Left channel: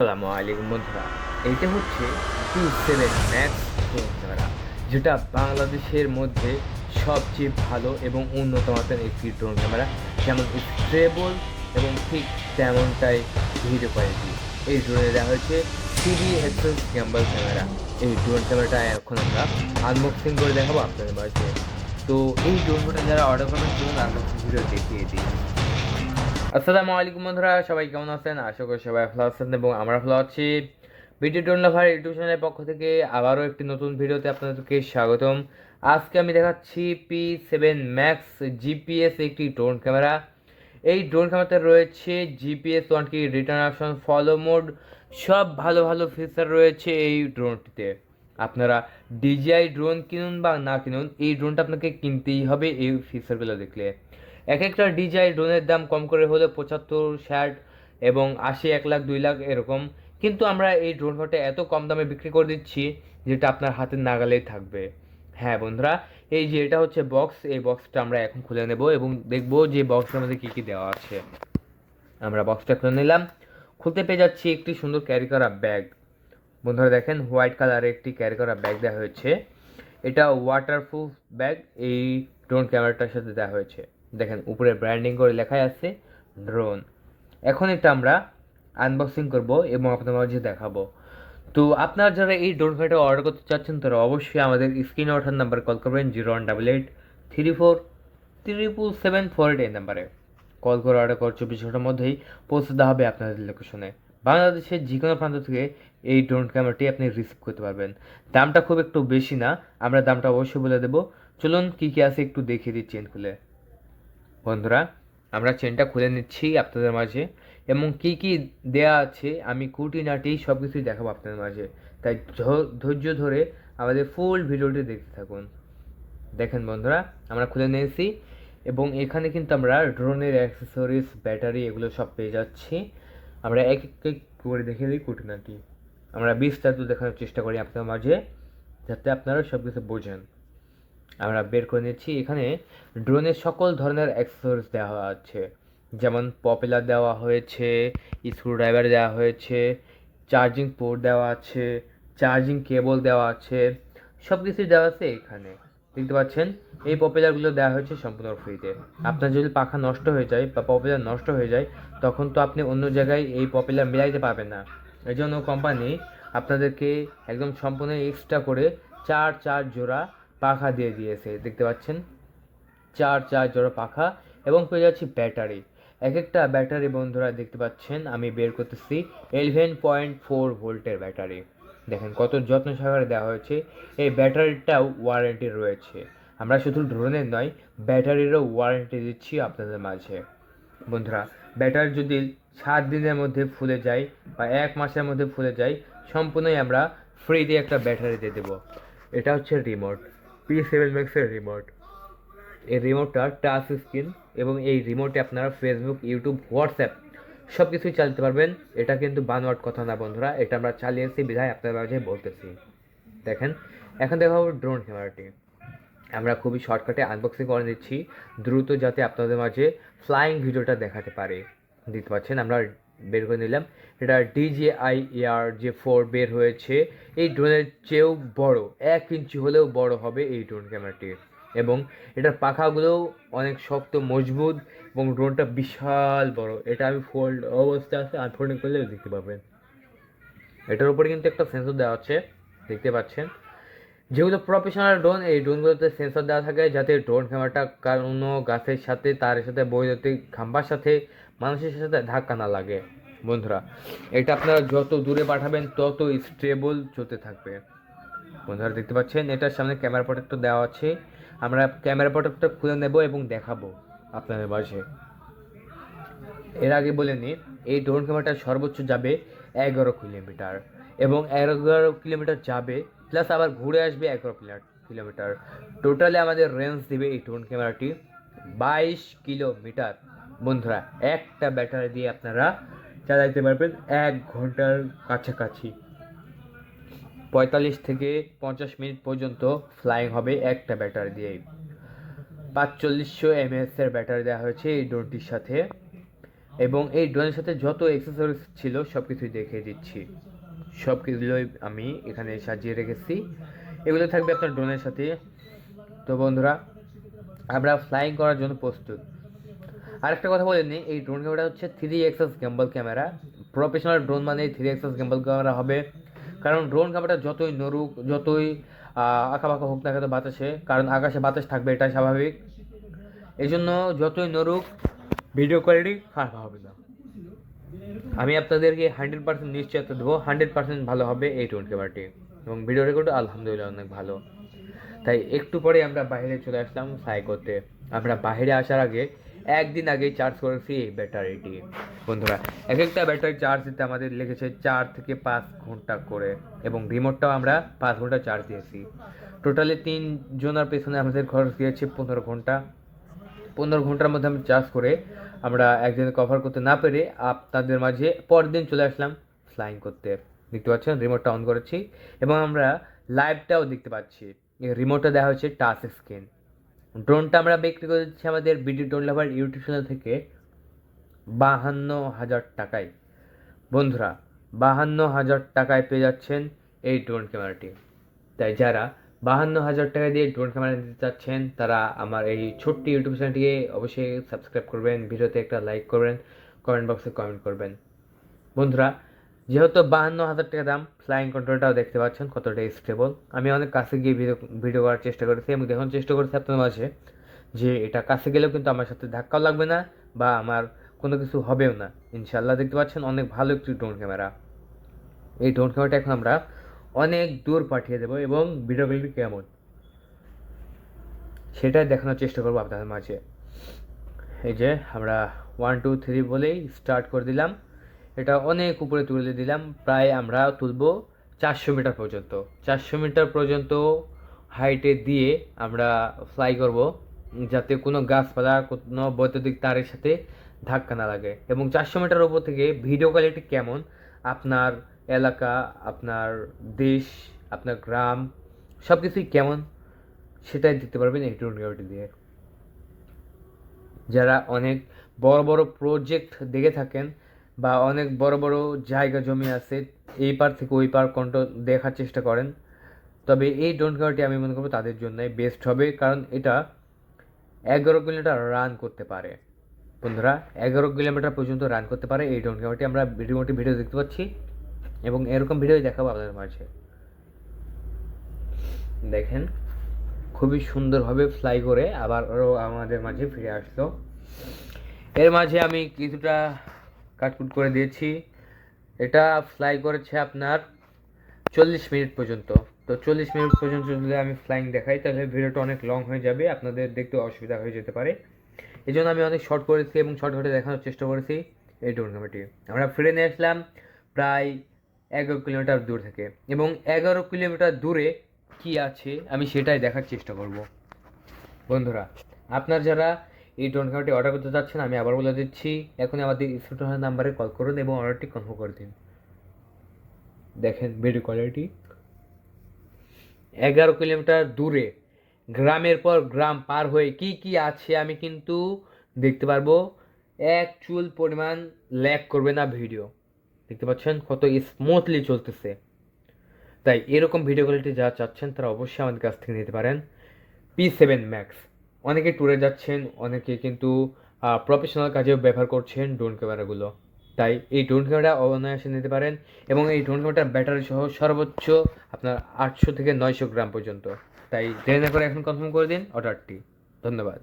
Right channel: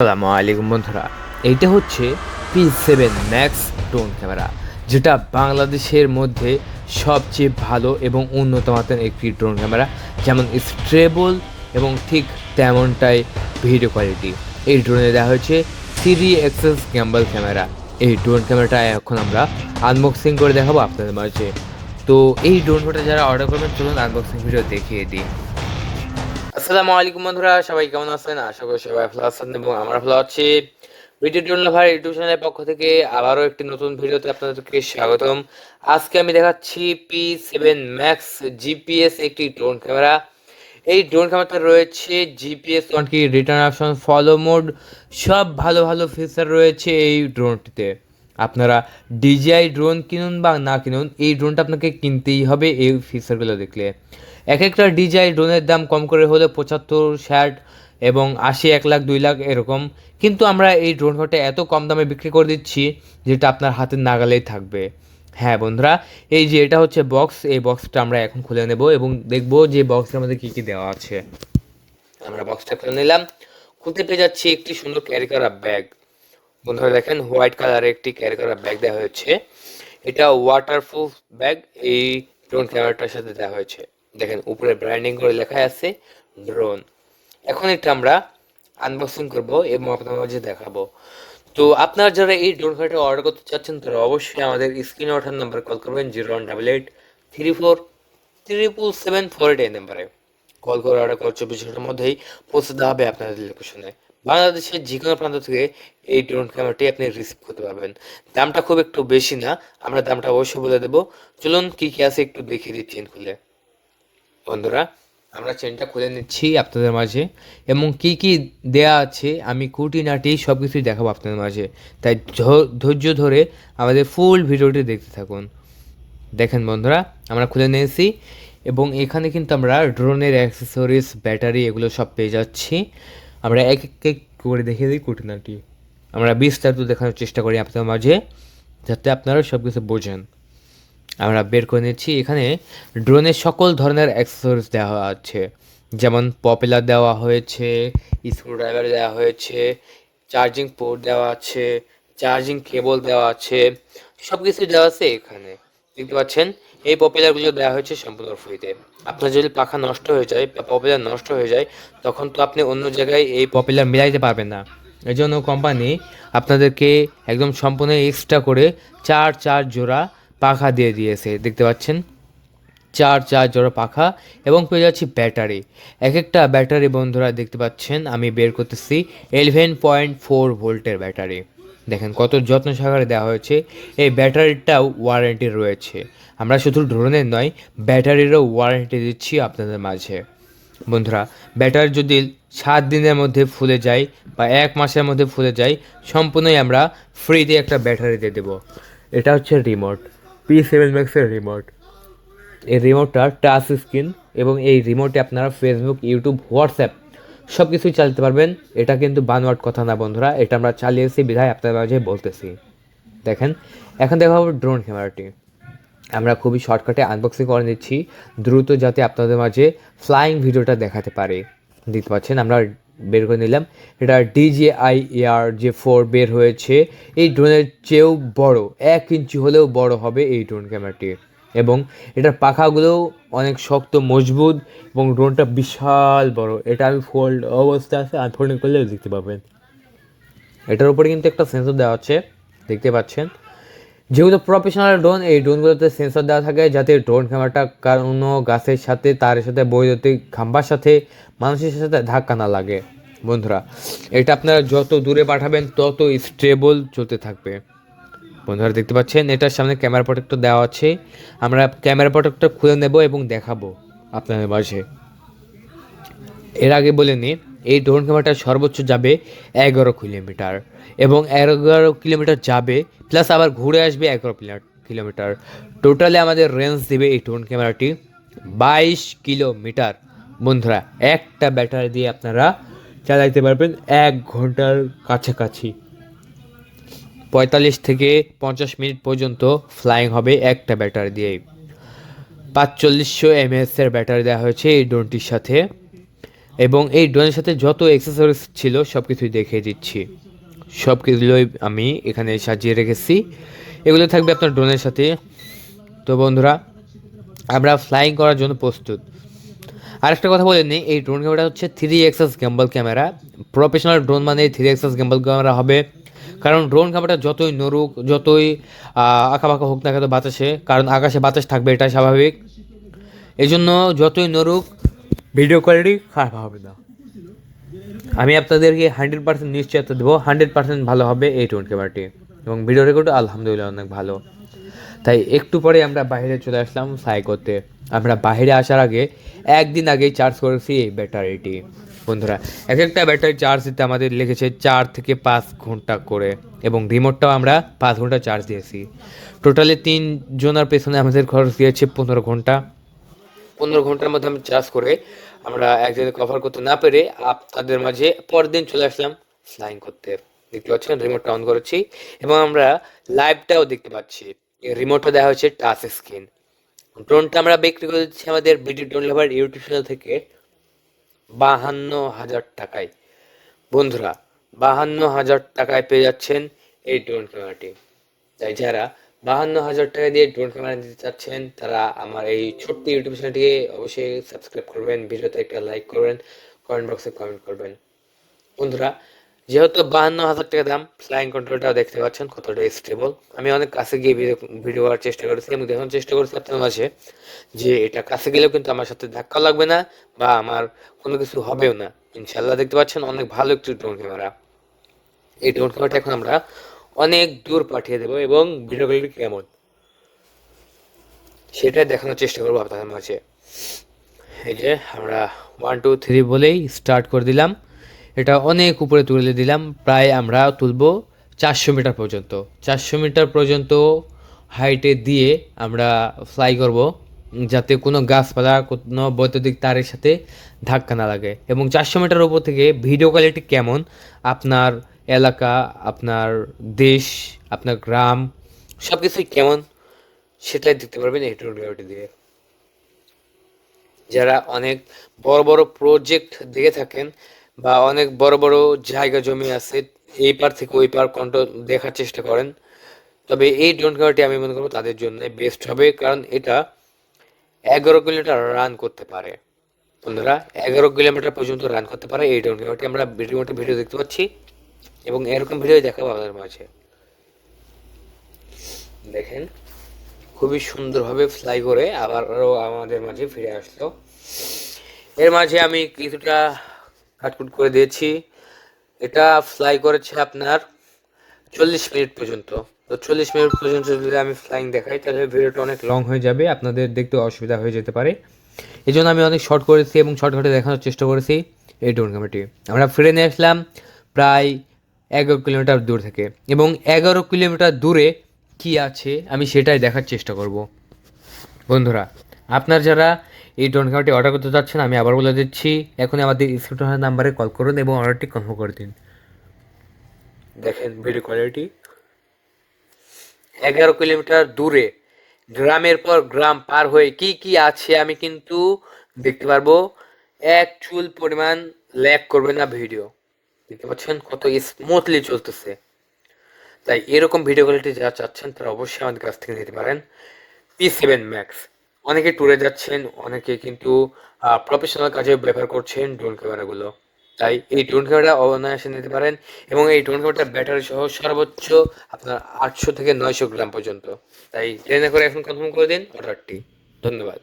আসসালামু আলাইকুম বন্ধুরা। এইটা হচ্ছে P seven max drone camera যেটা বাংলাদেশের মধ্যে সবচেয়ে ভালো এবং উন্নত মাত্রার একটি ড্রোন ক্যামেরা যেমন স্ট্রেবল এবং ঠিক তেমনটাই ভিডিও কোয়ালিটি এই ড্রোনে দেওয়া হয়েছে সিডি এক্সেস গ্যাম্বল ক্যামেরা এই ড্রোন ক্যামেরাটা এখন আমরা আনবক্সিং করে দেখাবো আপনাদের মাঝে। তো এই ড্রোনটা যারা অর্ডার করবেন, চলুন আনবক্সিং ভিডিও দেখিয়ে দিই। আসসালামু আলাইকুম বন্ধুরা, সবাই কেমন আছেন? আশা করি সবাই ভালো আছেন এবং আমরা ভালো আছি। ড্রোন ভাই ইউটিউব চ্যানেলের পক্ষ থেকে আবারও একটি নতুন ভিডিওতে আপনাদেরকে স্বাগতম। আজকে আমি দেখাচ্ছি পি সেভেন ম্যাক্স জিপিএস একটি ড্রোন ক্যামেরা এই ড্রোন ক্যামেরাতে রয়েছে GPS one key return option follow mode সব ভালো ভালো ফিচার রয়েছে এই ড্রোনটিতে আপনারা ডিজিআই ড্রোন কিনুন বা না কিনুন, এই ড্রোনটা আপনাকে কিনতেই হবে এই ফিচারগুলো দেখলে। এক একটা ডিজাই ড্রোনের দাম কম করে হলে পঁচাত্তর, ষাট এবং আশি, এক লাখ, দুই লাখ এরকম। কিন্তু আমরা এই ড্রোন ঘরটা এত কম দামে বিক্রি করে দিচ্ছি যেটা আপনার হাতের নাগালেই থাকবে। হ্যাঁ বন্ধুরা, এই যে এটা হচ্ছে বক্স, এই বক্সটা আমরা এখন খুলে নেব এবং দেখব যে বক্সের মধ্যে কী কী দেওয়া আছে। আমরা বক্সটা খুলে নিলাম। খুলতে পেয়ে যাচ্ছি একটি সুন্দর ক্যারি করা ব্যাগ। বন্ধুরা দেখেন, হোয়াইট কালারের একটি ক্যারি করা ব্যাগ দেওয়া হয়েছে। এটা ওয়াটারপ্রুফ ব্যাগ এই ড্রোন ক্যামেরাটার সাথে দেওয়া হয়েছে। দেখেন, উপরে ব্র্যান্ডিং করে লেখা আছে ড্রোন এখন এটা আমরা আনবক্সিং করব এবং আপনাদের মাঝে দেখাবো। তো আপনারা যারা এই ড্রোন ক্যামেরাটা অর্ডার করতে চাচ্ছেন, তারা অবশ্যই আমাদের স্ক্রিনে ওঠার নাম্বার কল করবেন zero one double eight three four triple seven four eight এই নাম্বারে কল করে অর্ডার করার চব্বিশ ঘণ্টার মধ্যেই পৌঁছে দেওয়া হবে আপনাদের লোকেশনে বাংলাদেশের যে কোনো প্রান্ত থেকে এই ড্রোন ক্যামেরাটি আপনি রিসিভ করতে পারবেন। দামটা খুব একটু বেশি না, আমরা দামটা অবশ্যই বলে দেবো। চলুন কী কী আছে একটু দেখিয়ে দিই চেন খুলে বন্ধুরা, আমরা চেনটা খুলে নিচ্ছি আপনাদের মাঝে, এবং কি কি দেয়া আছে, আমি খুঁটিনাটি সব কিছুই দেখাবো আপনাদের মাঝে। তাই ধৈর্য ধরে আমাদের ফুল ভিডিওটি দেখতে থাকুন। দেখেন বন্ধুরা, আমরা খুলে নিয়েছি, এবং এখানে কিন্তু আমরা ড্রোনের অ্যাক্সেসরিজ ব্যাটারি এগুলো সব পেয়ে যাচ্ছি। আমরা এক এক এক করে দেখে দিই খুঁটিনাটি আমরা বিস্তারিত দেখানোর চেষ্টা করি আপনাদের মাঝে, যাতে আপনারা সব কিছু বোঝেন। আমরা বের করে নিচ্ছি। এখানে ড্রোনের সকল ধরনের অ্যাক্সেসরিজ দেওয়া আছে। যেমন পপুলার দেওয়া হয়েছে স্ক্রুড্রাইভার দেওয়া হয়েছে চার্জিং পোর্ট দেওয়া আছে চার্জিং কেবল দেওয়া আছে সব কিছু দেওয়া আছে এখানে। দেখতে পাচ্ছেন, এই পপুলারগুলো দেওয়া হয়েছে সম্পূর্ণ ফ্রিতে আপনার যদি পাখা নষ্ট হয়ে যায় বা পপুলার নষ্ট হয়ে যায়, তখন তো আপনি অন্য জায়গায় এই পপুলার মিলাইতে পারবেন না। এই জন্য কোম্পানি আপনাদেরকে একদম সম্পূর্ণ এক্সট্রা করে চার চার জোড়া পাখা দিয়ে দিয়েছে, দেখতে পাচ্ছেন? চার চার জোড়া পাখা এবং পেয়ে যাচ্ছি ব্যাটারি। এক একটা ব্যাটারি বন্ধুরা দেখতে পাচ্ছেন, আমি বের করতেছি এলেভেন পয়েন্ট ফোর ভোল্টের ব্যাটারি। দেখেন কত যত্ন সহকারে দেওয়া হয়েছে, এই ব্যাটারিটাও ওয়ারেন্টি রয়েছে। আমরা শুধু ড্রোনের নয়, ব্যাটারিরও ওয়ারেন্টি দিচ্ছি আপনাদের মাঝে। বন্ধুরা, ব্যাটারি যদি সাত দিনের মধ্যে ফুলে যায় বা এক মাসের মধ্যে ফুলে যায়, সম্পূর্ণই আমরা ফ্রিতে একটা ব্যাটারি দিয়ে দেবো। এটা হচ্ছে রিমোট পি সেভেন ম্যাক্সের রিমোট এই রিমোটটা টাচ স্ক্রিন এবং এই রিমোটে আপনারা ফেসবুক ইউটিউব হোয়াটসঅ্যাপ সব কিছুই চালাতে পারবেন। এটা কিন্তু বানোয়াট কথা না বন্ধুরা, এটা আমরা চালিয়েছি, বিধায় আপনাদের মাঝে বলতেছি। দেখেন, এখন দেখা হবে ড্রোন ক্যামেরাটি আমরা খুবই শর্টকাটে আনবক্সিং করে নিচ্ছি, দ্রুত যাতে আপনাদের মাঝে ফ্লাইং ভিডিওটা দেখাতে পারে। দেখতে পাচ্ছেন, আমরা বের করে নিলাম। এটা ডিজিআই এয়ার যে ফোর বের হয়েছে। এই ড্রোনের চেয়েও বড়, এক ইঞ্চি হলেও বড় হবে এই ড্রোন ক্যামেরাটি এবং এটার পাখাগুলোও অনেক শক্ত, মজবুত এবং ড্রোনটা বিশাল বড়। এটা আমি ফোল্ড অবস্থা আছে আনফোল্ডিং করলেও দেখতে পাবেন। এটার উপরে কিন্তু একটা সেন্সর দেওয়া আছে, দেখতে পাচ্ছেন। যেগুলো প্রফেশনাল ড্রোন এই ড্রোনগুলোতে সেন্সর দেওয়া থাকে যাতে ড্রোন ক্যামেরাটা কোনো গাছের সাথে তার সাথে, বৈদ্যুতিক খাম্বার সাথে মানুষের সাথে ধাক্কা না লাগে, বন্ধুরা। এটা আপনারা যত দূরে পাঠাবেন, তত স্টেবল চলতে থাকবে। বন্ধুরা, দেখতে পাচ্ছেন, এটার সামনে ক্যামেরা প্রোটেক্টর দেওয়া আছে। আমরা ক্যামেরা প্রোটেক্টর খুলে নেব এবং দেখাবো আপনাদের মাঝে। এর আগে বলে নিই এই ড্রোন ক্যামেরাটা সর্বোচ্চ যাবে এগারো কিলোমিটার এবং এগারো কিলোমিটার যাবে প্লাস আবার ঘুরে আসবে এগারো কিলোমিটার। টোটালে আমাদের রেঞ্জ দেবে এই ড্রোন ক্যামেরাটি বাইশ কিলোমিটার। বন্ধুরা, একটা ব্যাটারি দিয়ে আপনারা চালাইতে পারবেন এক ঘণ্টার কাছাকাছি। পঁয়তাল্লিশ থেকে পঞ্চাশ মিনিট পর্যন্ত ফ্লাইং হবে একটা ব্যাটারি দিয়েই পাঁচচল্লিশশো এমএএসের ব্যাটারি দেওয়া হয়েছে এই ড্রোনটির সাথে। এবং এই ড্রোনের সাথে যত অ্যাক্সেসরিজ ছিল সব কিছুই দেখিয়ে দিচ্ছি। সব কিছুগুলোই আমি এখানে সাজিয়ে রেখেছি। এগুলো থাকবে আপনার ড্রোনের সাথে। তো বন্ধুরা, আমরা ফ্লাইং করার জন্য প্রস্তুত। আরেকটা কথা বলে নিই, এই ড্রোন ক্যামেরা হচ্ছে three axis gimbal camera professional drone মানে থ্রি এক্সেস গ্যাম্বল ক্যামেরা হবে। কারণ ড্রোন ক্যামেরাটা যতই নড়ুক, যতই আঁকাবাঁকা হোক না কেন বাতাসে, কারণ আকাশে বাতাস থাকবে এটা স্বাভাবিক। এই জন্য যতই নড়ুক ভিডিও কোয়ালিটি খারাপ হবে না। আমি আপনাদেরকে হান্ড্রেড পার্সেন্ট নিশ্চয়তা দেবো হান্ড্রেড পার্সেন্ট ভালো হবে এই ড্রোন ক্যামেরাটি এবং ভিডিও রেকর্ড আলহামদুলিল্লাহ অনেক ভালো। তাই একটু পরে আমরা বাইরে চলে আসলাম ফ্লাই করতে আমরা বাইরে আসার আগে একদিন আগেই চার্জ করেছি এই ব্যাটারিটি। বন্ধুরা এক একটা ব্যাটারি চার্জ দিতে আমাদের লেগেছে চার থেকে পাঁচ ঘণ্টা করে এবং রিমোটটাও আমরা পাঁচ ঘণ্টা চার্জ দিয়েছি। টোটালি তিন জনের পেছনে আমাদের খরচ দিয়েছে পনেরো ঘণ্টা। পনেরো ঘণ্টার মধ্যে আমি চার্জ করে আমরা এক জায়গায় কভার করতে না পেরে আপনাদের মাঝে পরদিন চলে আসলাম ফ্লাইং করতে। দেখতে পাচ্ছেন, রিমোটটা অন করেছি এবং আমরা লাইভটাও দেখতে পাচ্ছি। রিমোটটা দেওয়া হচ্ছে টাচ স্ক্রিন ড্রোনটা আমরা বিক্রি করে দিচ্ছি আমাদের BD drone lover YouTube channel থেকে বাহান্ন হাজার টাকায়। বন্ধুরা, বাহান্ন হাজার টাকায় পেয়ে যাচ্ছেন এই ড্রোন ক্যামেরাটি তাই যারা বাহান্ন হাজার টাকা দিয়ে ড্রোন ক্যামেরা নিতে চাচ্ছেন, তারা আমার এই ছোট্ট ইউটিউব চ্যানেলটিকে অবশ্যই সাবস্ক্রাইব করবেন, ভিডিওতে একটা লাইক করবেন কমেন্ট বক্সে কমেন্ট করবেন। বন্ধুরা যেহেতু বাহান্ন হাজার টাকা দাম ফ্লাইং কন্ট্রোলটাও দেখতে পাচ্ছেন কতটা স্টেবল আমি অনেক কাছে গিয়ে ভিডিও ভিডিও করার চেষ্টা করেছি, এবং দেখানোর চেষ্টা করেছি আপনার মাঝে যে এটা কাছে গেলেও কিন্তু আমার সাথে ধাক্কা লাগবে না, বা আমার কোনো কিছু হবেও না। ইনশাল্লাহ দেখতে পাচ্ছেন অনেক ভালো একটি ড্রোন ক্যামেরা এই ড্রোন ক্যামেরাটা এখন আমরা অনেক দূর পাঠিয়ে দেবো, এবং ভিডিও কেমন? সেটাই দেখানোর চেষ্টা করব আপনাদের মাঝে। এই যে আমরা ওয়ান টু থ্রি বলেই স্টার্ট করে দিলাম। এটা অনেক উপরে তুলে দিলাম। প্রায় আমরা তুলব চারশো মিটার পর্যন্ত। চারশো মিটার পর্যন্ত হাইটে দিয়ে আমরা ফ্লাই করব, যাতে কোনো গাছপালা, কোনো বৈদ্যুতিক তারের সাথে ধাক্কা না লাগে। এবং চারশো মিটার উপর থেকে ভিডিও কোয়ালিটি কেমন? আপনার এলাকা, আপনার দেশ, আপনার গ্রাম সব কিছুই কেমন? সেটাই দেখতে পারবেন এই টোরিয়ালটি দিয়ে। যারা অনেক বড় বড় প্রজেক্ট দেখে থাকেন বা অনেক বড় বড় জায়গা জমি আছে, এই পার থেকে ওই পার কন্ট্রোল দেখার চেষ্টা করেন। তবে এই ড্রোন ক্যামেরাটি আমি মনে করব তাদের জন্য বেস্ট হবে, কারণ এটা এগারো কিলোমিটার রান করতে পারে। বন্ধুরা, এগারো কিলোমিটার পর্যন্ত রান করতে পারে এই ড্রোন ক্যামেরাটি। আমরা ভিডিওটি ভিডিও দেখতে পাচ্ছি এবং এরকম ভিডিও দেখাবো আমাদের মাঝে। দেখেন, খুবই সুন্দরভাবে ফ্লাই করে আবারও আমাদের মাঝে ফিরে আসলো। এর মাঝে আমি কিছুটা কাটকুট করে দিয়েছি। এটা ফ্লাই করেছে আপনার চল্লিশ মিনিট পর্যন্ত। তো চল্লিশ মিনিট পর্যন্ত যদি আমি ফ্লাইং দেখাই, তাহলে ভিডিওটা অনেক লং হয়ে যাবে। আপনাদের দেখতে অসুবিধা হয়ে যেতে পারে। এই জন্য আমি অনেক শর্ট করেছি এবং শর্টকাটে দেখানোর চেষ্টা করেছি এই ড্রোন ক্যামেরাটি আমরা ফিরে নিয়ে আসলাম প্রায় এগারো কিলোমিটার দূর থেকে। এবং এগারো কিলোমিটার দূরে কি আছে, আমি সেটাই দেখার চেষ্টা করব। বন্ধুরা, আপনার যারা এই ড্রোন ক্যামেরাটি অর্ডার করতে চাচ্ছেন আমি আবার বলে দিচ্ছি এখন আমাদের স্ক্রিন নাম্বারে কল করুন এবং অর্ডারটি কনফার্ম করে দিন। দেখেন ভিডিও কোয়ালিটি এগারো কিলোমিটার দূরে, গ্রামের পর গ্রাম পার হয়ে কি কি আছে আমি কিন্তু দেখতে পারব। এক চুল পরিমাণ ল্যাক করবে না ভিডিও দেখতে পাচ্ছেন কত স্মুথলি চলতেছে। তাই এরকম ভিডিও কোয়ালিটি যারা চাচ্ছেন তারা অবশ্যই আমাদের কাছ থেকে নিতে পারেন। পি সেভেন ম্যাক্স অনেকে ট্যুরে যাচ্ছেন, অনেকে কিন্তু প্রফেশনাল কাজে ব্যবহার করছেন ড্রোন ক্যামেরাগুলো তাই এই ড্রোন ক্যামেরা অনায়াসে নিতে পারেন এবং এই ড্রোন ক্যামেরাটা ব্যাটারি সহ সর্বোচ্চ আপনার আটশো থেকে নয়শো গ্রাম পর্যন্ত। তাই ট্রেনে করে এখন কনফার্ম করে দিন অর্ডারটি ধন্যবাদ।